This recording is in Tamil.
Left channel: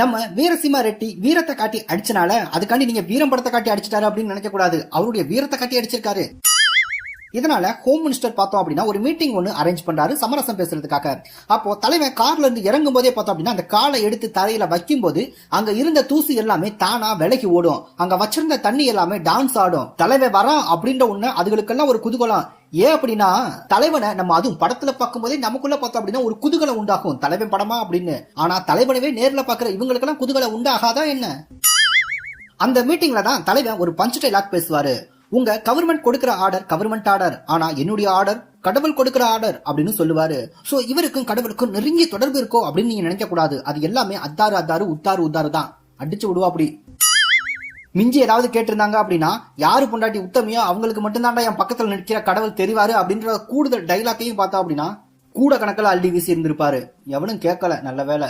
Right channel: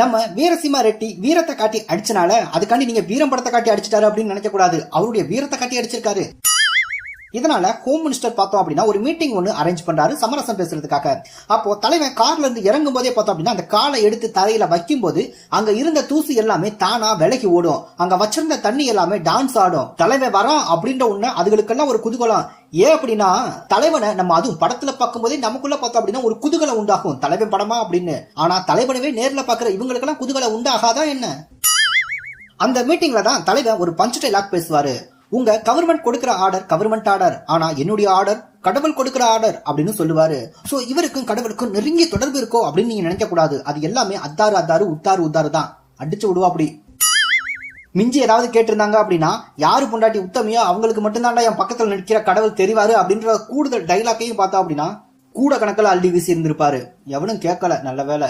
நம்ம வீரசிம்மா ரெட்டி வீரத்தை காட்டி அடிச்சனால அதுக்காண்டி நீங்க வீரம் படத்தை காட்டி அடிச்சிட்டாரு அப்படின்னு நினைக்க கூடாது. அவருடைய வீரத்தை காட்டி அடிச்சிருக்காரு. இதனால ஹோம் மினிஸ்டர் பார்த்தோம் அப்படின்னா ஒரு மீட்டிங் ஒன்று அரேஞ்ச் பண்றாரு சமரசம் பேசுறதுக்காக. அப்போ தலைவன் கார்ல இருந்து இறங்கும் போதே பார்த்தோம் அப்படின்னா அந்த காலை எடுத்து தலையில வைக்கும் போது அங்க இருந்த தூசி எல்லாமே தானா விலகி ஓடும். அங்க வச்சிருந்த தண்ணி எல்லாமே டான்ஸ் ஆடும். தலைவன் வரான் அப்படின்ற ஒண்ணு அதுகளுக்கெல்லாம் ஒரு குதூகலம். ஏன் அப்படின்னா தலைவனை நம்ம அதுவும் படத்துல பார்க்கும் போதே நமக்குள்ள பார்த்தோம் அப்படின்னா ஒரு குதூகலம் உண்டாகும், தலைவன் படமா அப்படின்னு. ஆனா தலைவனவே நேர்ல பாக்குற இவங்களுக்கெல்லாம் குதூகலம் உண்டாகாதா என்ன? அந்த மீட்டிங்ல தான் தலைவன் ஒரு பஞ்ச் டைலாக் பேசுவாரு. உங்க கவர்மெண்ட் கொடுக்கிற ஆர்டர் கவர்மெண்ட் ஆர்டர், ஆனா என்னுடைய ஆர்டர் கடவுள் கொடுக்கிற ஆர்டர் அப்படின்னு சொல்லுவாரு. சோ இவருக்கும் கடவுளுக்கும் நெருங்கிய தொடர்பு இருக்கோ அப்படின்னு நீங்க நினைக்க கூடாது. அது எல்லாமே அத்தாறு அத்தாறு உத்தாறு உத்தாறு தான். அடிச்சு விடுவா அப்படி. மிஞ்சி ஏதாவது கேட்டிருந்தாங்க அப்படின்னா யாரு பொண்டாட்டி உத்தமையோ அவங்களுக்கு மட்டும்தான்டா என் பக்கத்துல நிற்கிற கடவுள் தெரிவாரு அப்படின்ற கூடுதல் டைலாக்கையும் பார்த்தா அப்படின்னா கூட கணக்கில் அள்ளி வீசி இருந்திருப்பாரு. எவனும் கேட்கல, நல்ல வேலை.